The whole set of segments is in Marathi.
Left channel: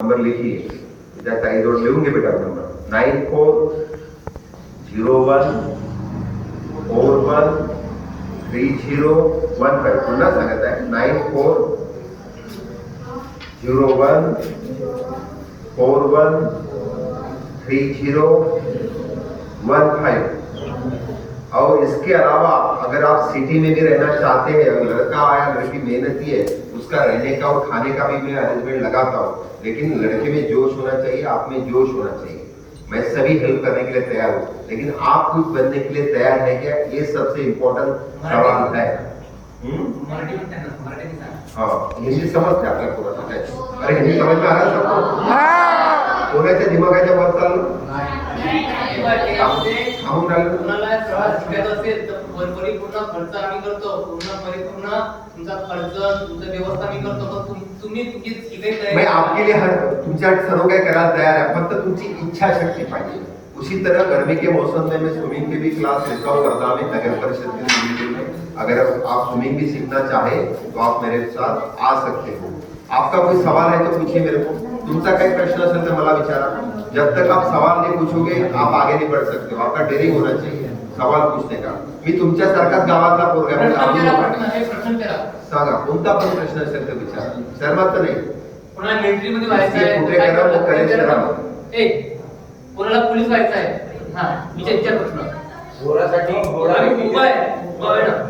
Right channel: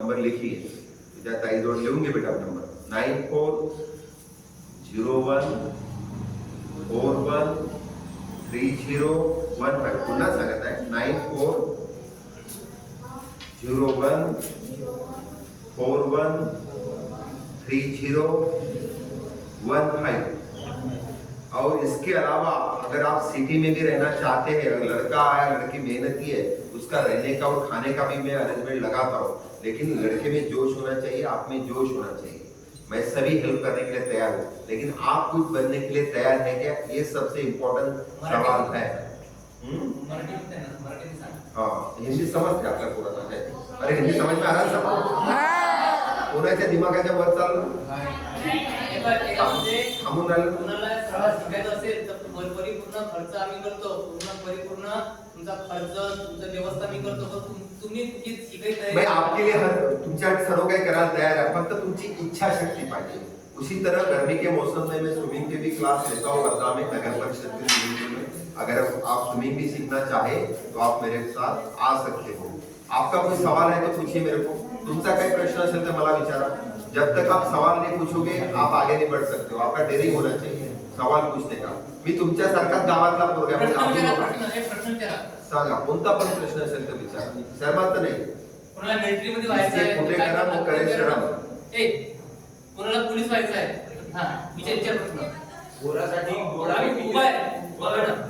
नंबर लिखिए, त्या ताईजवळ लिहून घे बेटा नंबर 9401413015. पुन्हा सांगत आहे 9401413015. और इसके अलावा अगर आप सिटी में भी रहना चाहते हैं, अगर लड़का या लड़की मेहनती है, उसका रहने का और खाने का भी मैं अरेंजमेंट लगाता हूँ, लेकिन लड़के में जोश होना चाहिए, आप में जोश होना चाहिए। मैं सभी हेल्प करने के लिए तैयार हूँ, लेकिन आप कुछ बनने के लिए तैयार है क्या? ये सबसे इम्पोर्टेंट सवाल है। हाँ, हिंदी समजते आपल्याला पूरा? अरे हिंदी समझ में आ रहा सबको? कोणाच्या दिमागाच्या वर चाललं? पूर्ण खर्च आम्ही करतो, परिपूर्ण तुमचा खर्च, तुमचं व्यवस्था आम्ही करतो, पण तुम्ही तुमची शिकायचं मैं आपके लिए हर तुमच्या सर्व काही करायला तयार आहे, फक्त तुमची इच्छा शक्ति पाहिजे। उसी तरह गर्मी के मौसम में मैं स्विमिंग पे भी क्लास लेता हूँ वर्धा में, नगर परिषद के स्विमिंग में। अगर आप स्विमिंग भी सीखना चाहे तो आप मेरे साथ आ सकते हो। आपका कोई सवाल है तो पूछिए मेरे को, तुमचा काही प्रश्न असेल तर मला विचारा। जब तक आप सवाल नहीं पूछोगे आप आगे नहीं बढ़ सकते हो, आपका डेअरिंग होना चाहिए सवाल पूछने का। मी तुमच्यासारखाच गावातला पोरगा आहे, सांगा कोणता पण प्रश्न असेल तर विचारा, शर्मात नाही। कोणाला मिलिटरी मध्ये व्हायचं आहे, कोणाला पोलीस व्हायचं आहे, हा विचार प्रश्न। घोडासाठी घोडा उभा आहे,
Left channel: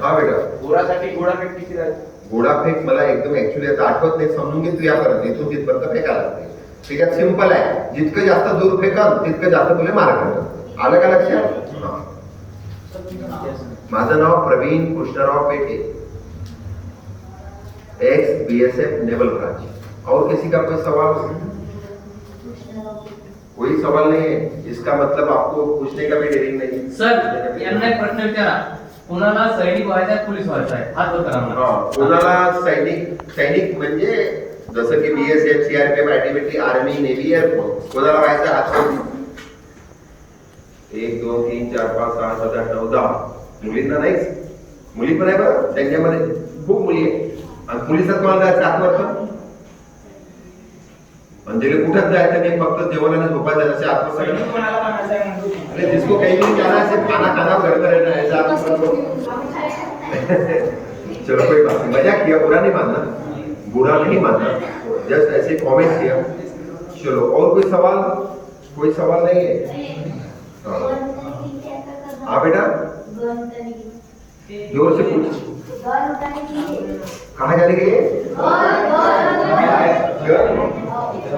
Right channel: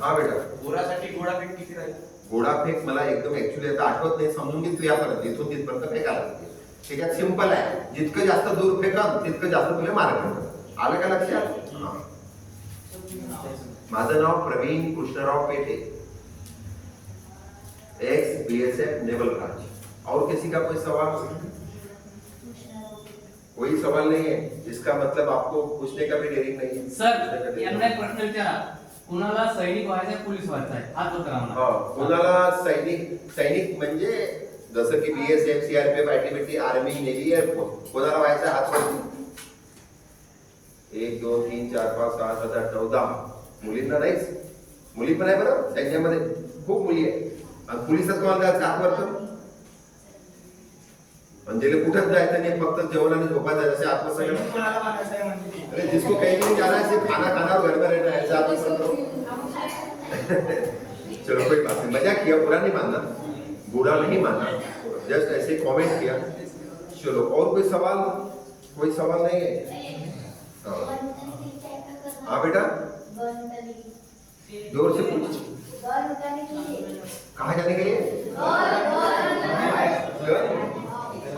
हा बेटा घोडासाठी घोडाफेक किती राहते? घोडाफेक मला एकदम ऍक्च्युअली आता आठवत नाही, समजून घे तू यापर्यंत, इथून तिथपर्यंत फेकायला लागते। त्याच्यात सिंपल आहे, जितकं जास्त दूर फेकाल तितकं जास्त तुला मार्क मिळतात। आलं का लक्षात? माझं नाव प्रवीण कृष्णराव पेठे, एक्स बीएसएफ नेवल ब्रांच। और किसी का कोई सवाल? कोई सवाल नहीं है, इसका मतलब आपको पूछने का भी डेरिंग नहीं। सर यांना एक प्रश्न विचारा, कोणाला सैनिक व्हायचं आहे, पोलीस व्हायचं आहे, हात वर करा। हा, कोणाला सैनिक म्हणजे जसं की BSF, CRPF, ITBT, army, navy, air force, कोणाला व्हायचं हात वर? 1 2 3 4 5 6 7 8 9 10 मुलींना नाहीच, मुली पण आहे बरं त्यांच्यामध्ये, खूप मुली आहे। आणि पोलिसात कोणाला जायचं हात वर? म्हणजे कुठं जायचं नाही, फक्त जेवणाने झोपायचं असे हात वर सगळं। अरे जिसको कहीं भी जाना है, खाना खाना घर में रहना है, ऐसा आप चलो कोई बात नहीं, मजाक किया, बुरा नहीं मानना, बुरा नहीं मानना, जस्ट ऐसे कमेंट किया। चलो और कोई सवाल? कोई सवाल नहीं है? हाँ बेटा जोर से पूछ। कहाँ जाने के लिए?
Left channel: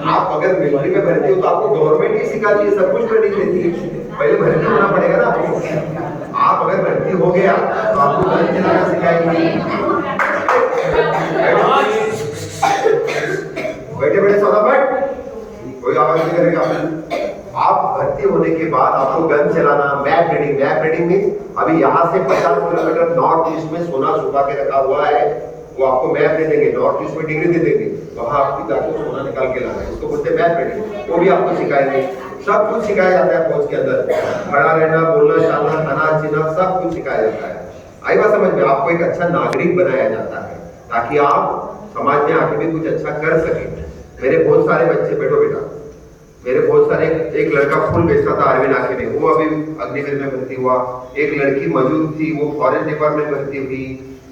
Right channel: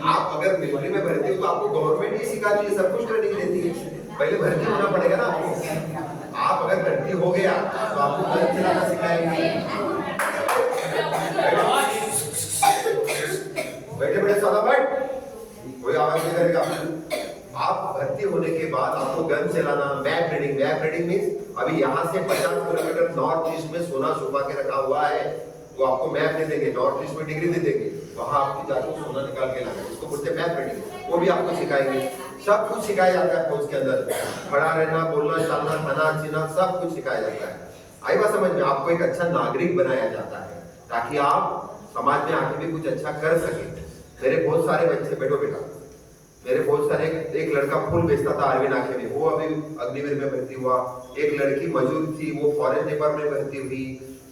आप अगर मिलिट्री में भर्ती हो तो आपको गवर्नमेंट ही सिखाती है, सब कुछ ट्रेनिंग देती है। पहले भर्ती होना पड़ेगा ना आपको। आप अगर भर्ती हो गया तो आपको गन चलाना सिखाएंगे। बैठे बैठे सादा बैठ, कोई आवाज नहीं करेगा। आप भर्ती होने के बाद आपको गन चलाना, map reading. Map reading means अभी यहाँ से 50 किलोमीटर नॉर्थ ईस्ट में सोना छुपा के रखा हुआ है, वो आपको मैप दे देंगे, नॉर्थ ईस्ट में डिग्री दे देंगे, वहां आपकी जाकर सोना निकाल के लाना है, उसको बोलते हैं मैप रीडिंग। वो भी आपको सिखाएंगे, सब कुछ सिखाया जाता है फौज के अंदर, खड़ा रहना, बोलना, चालना, खाना पीना सब कुछ सिखाया जाता है। आई बात समझ में? आपको एक अच्छा नागरिक बनाया जाता है ताकि आप समाज में आके भी कुछ अच्छा कर सके। मेरे बहुत सारे बच्चे, बैठो बेटा, मेरे बहुत सारे, एक लड़का फूल बेचता था आर्मी नाके में, वो अभी अग्निवीर में भर्ती हुआ। एक लड़की मजूर थी, वो फॉरेस्ट डिपार्टमेंट में भर्ती हुई।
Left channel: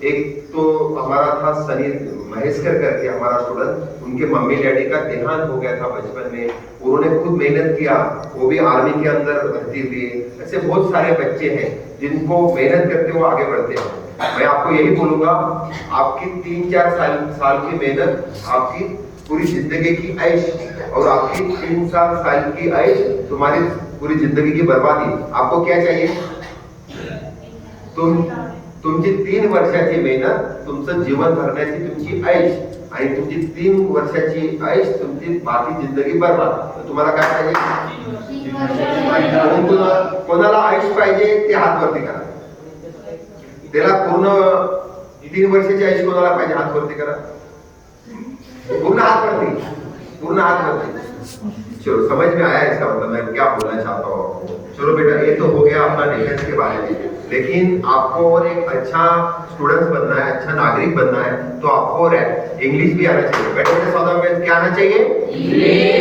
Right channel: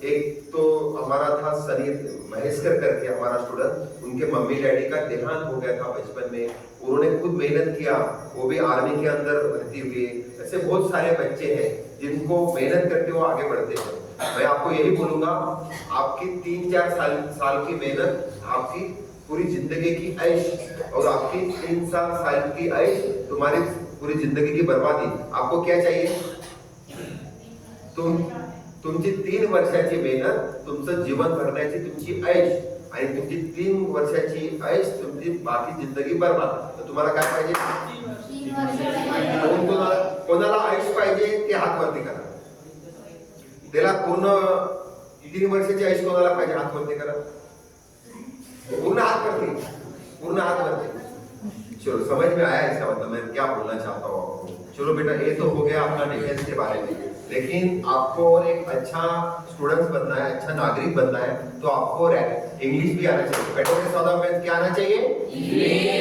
एक तो हमारा था सनी महेशकर करके हमारा स्टूडेंट, उनके मम्मी डैडी का देहांत हो गया था बचपन में, उन्होंने खुद मेहनत किया, वो भी आर्मी के अंदर भर्ती हुई। ऐसे बहुत सारे बच्चे हैं जिनको मेहनत करते हुए आगे बढ़ते हैं। मैं आपको यही बोलूंगा, आपकी 3-4 साल की मेहनत आपकी पूरी जिंदगी की ऐश, और आपकी 3 साल की ऐश तुम्हारी पूरी जिंदगी की बर्बादी। आपको क्या चाहिए? तुमची 3 वर्षाची मेहनत तुमचं जीवन भरण्याची तुमची ऐश, आणि तुमची 3 वर्षाची ऐश तुमची बाकी जिंदगी बर्बाद। तर तुम्हाला काय पाहिजे? कोणाला ऐश पाहिजे ते हात वरती करा। त्याला पूर्ण 3 वर्षाची ऐश कोणाला पाहिजे? हात वरती करा, पूर्ण हाथ वरती, पूर्ण हाथ वरती। चलो समझ में आया इसका मतलब मैं क्या बोलना चाहता हूँ आपको। चलो बेटा ये तो हो गया अपना डिफेंस के बारे में। लेकिन आपको एक अच्छा स्टूडेंट बनना है, अच्छा नागरिक बनना है, तो आपको इंग्लिश भी आना चाहिए। बेटे बेटे 14 में क्या आना चाहिए?